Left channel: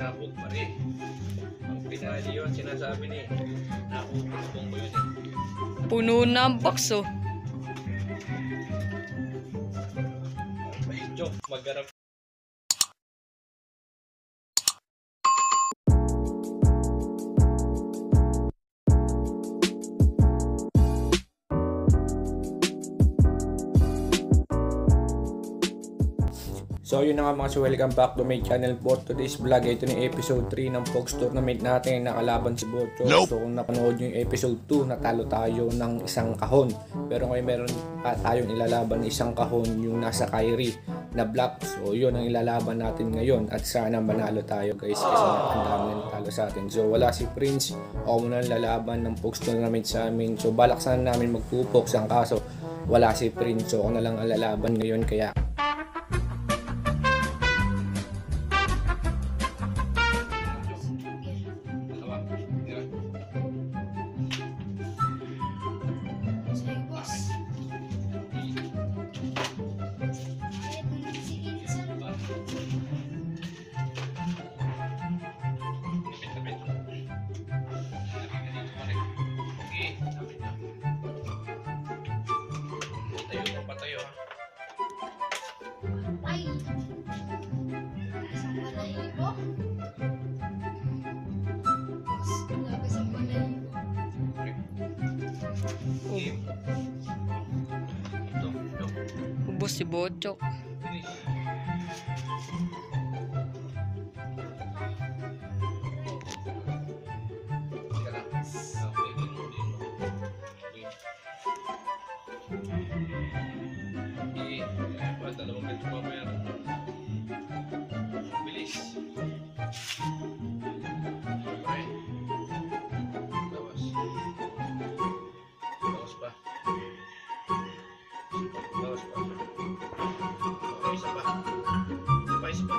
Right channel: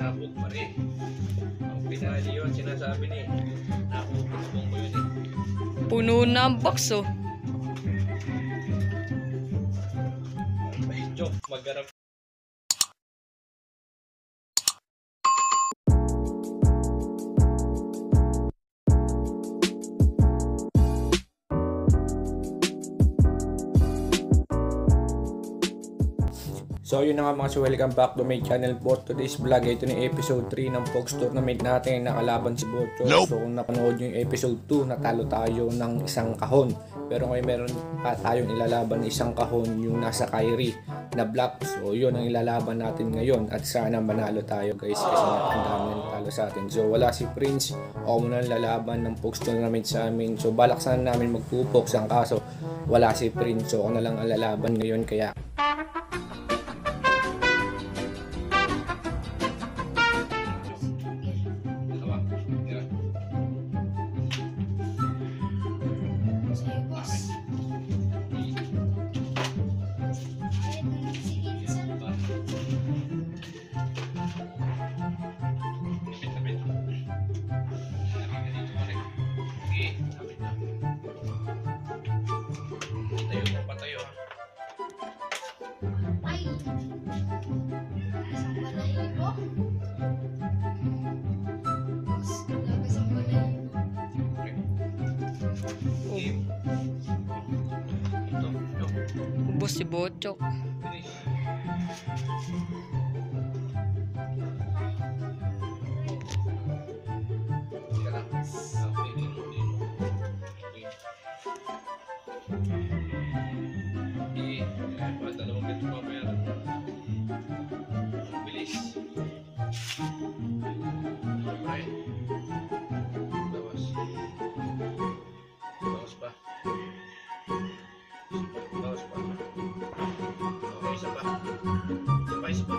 Sabog pa rin. Ang pinali yun, sinasabi ni. Nakukulong ko yun eh. Puno na ang box oh. Ay, Chok, magharap. So yun na nga mga so welcome back to my channel for today's vlog. Ito na episode 3 ng Pogs Tournament natin, nakalaban si Bocho. So kung napanood nyo yung episode 2, natalo tayo ng isang kahon. Pero ngayon meron pa tayong ilalaban isang kahon, yung nasa Kyrie na black. So yun ang ilalaban natin ngayon at sana manalo tayo guys, kasi ang dami na natalo sa atin. So wala si Prince, ako muna lalaban ng Pogs Tournament sa amin. So balak sana namin magpupoks, ang kaso wala si Prince, so ako na lang ang lalaban ngayon. Kaya Patayo. Ay! Isang balahibo? Isang balahibo. Game. Ito. Ubos si Bocho. Finish. Teka lang. Okay, din mo. Dalawang ganito mabayaran. Bilis. Alright. Bawas. Bawas pa. Bawas pa. Okay, isa pa. Isa pa.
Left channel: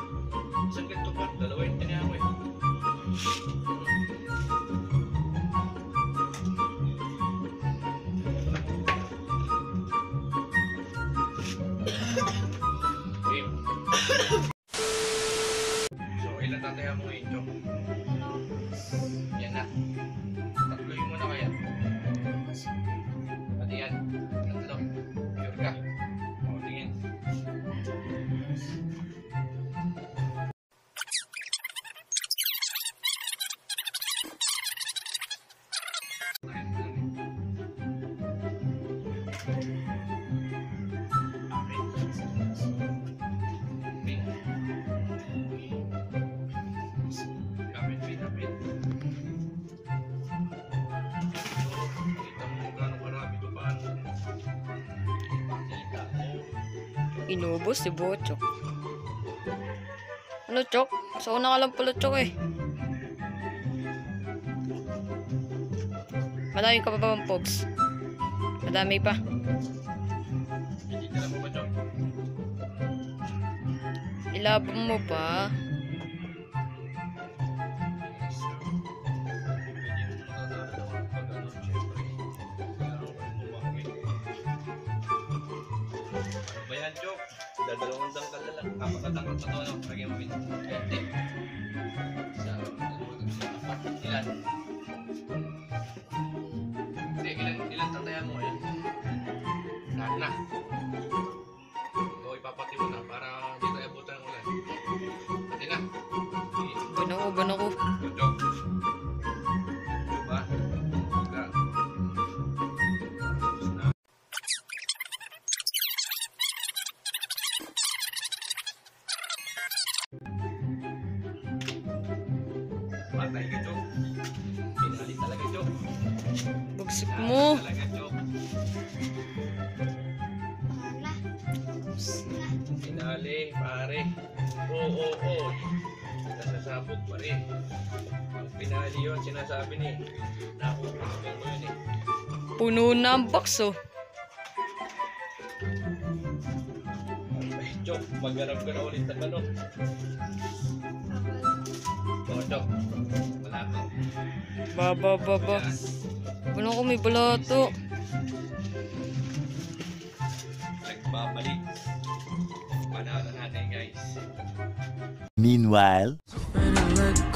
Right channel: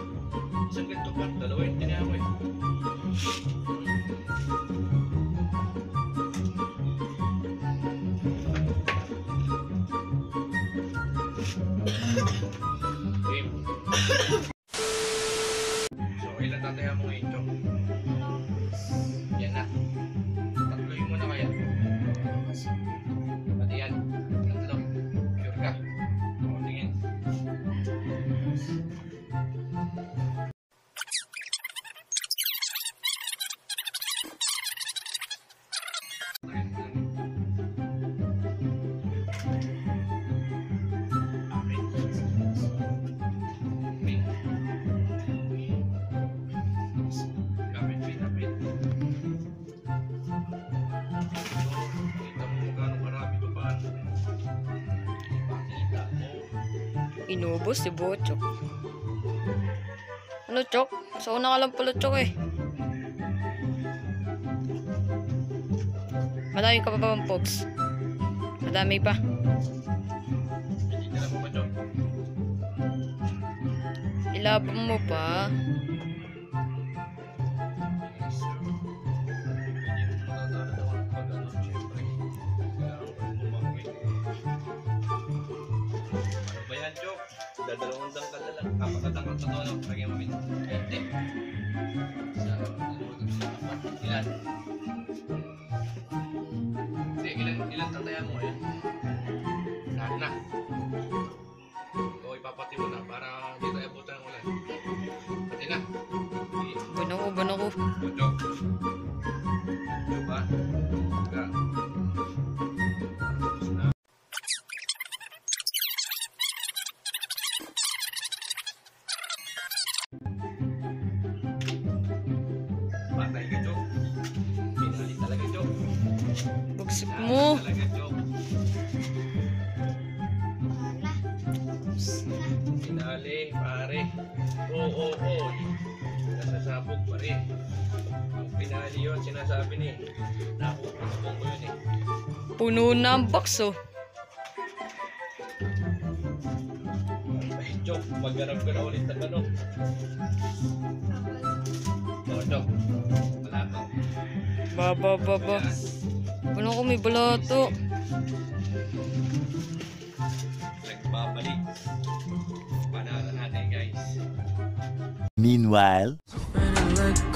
Isang ganito pa. Dalawa yung tinihan ko eh. Game. So, ilan tataya mo ngayon, Chok? Yan na. Tatloy mo na kaya. Pati yan. Tatlo. Sure ka? O, tingin. Inubos si Bocho. Ano, Chok? Sa una ka lang pala, Chok eh. Madami ka pa ba bang Pogs? Madami pa. Hindi ka lang mo ba, Chok? Ilaban mo pa. Bayan, Chok. Dadalawang dangkal na lang. Kapakadangkal na to, lagyan mo ito. Ente. Ilan? Hindi, ilan tatayan mo yan? Lahat na. Ito, ipapati mo na para hindi tayo abutan ng ulan. Pati na. Ban ako. Chok. Diba? Diba? Patay ka, Chok. Pinali talaga, Chok. Bugsik mo. Talaga, Chok. Pinali, pare. Oo. Nasasabog pa rin. Ang pinali yun, sinasabi ni. Nakukulong ko yun eh. Puno na ang box oh. Ay, Chok, magharap ka na ulit ng ano. Chok. Wala to. Baba. Ano ko may balato? Nagbabalik. Panalo natin guys. Meanwhile, Running like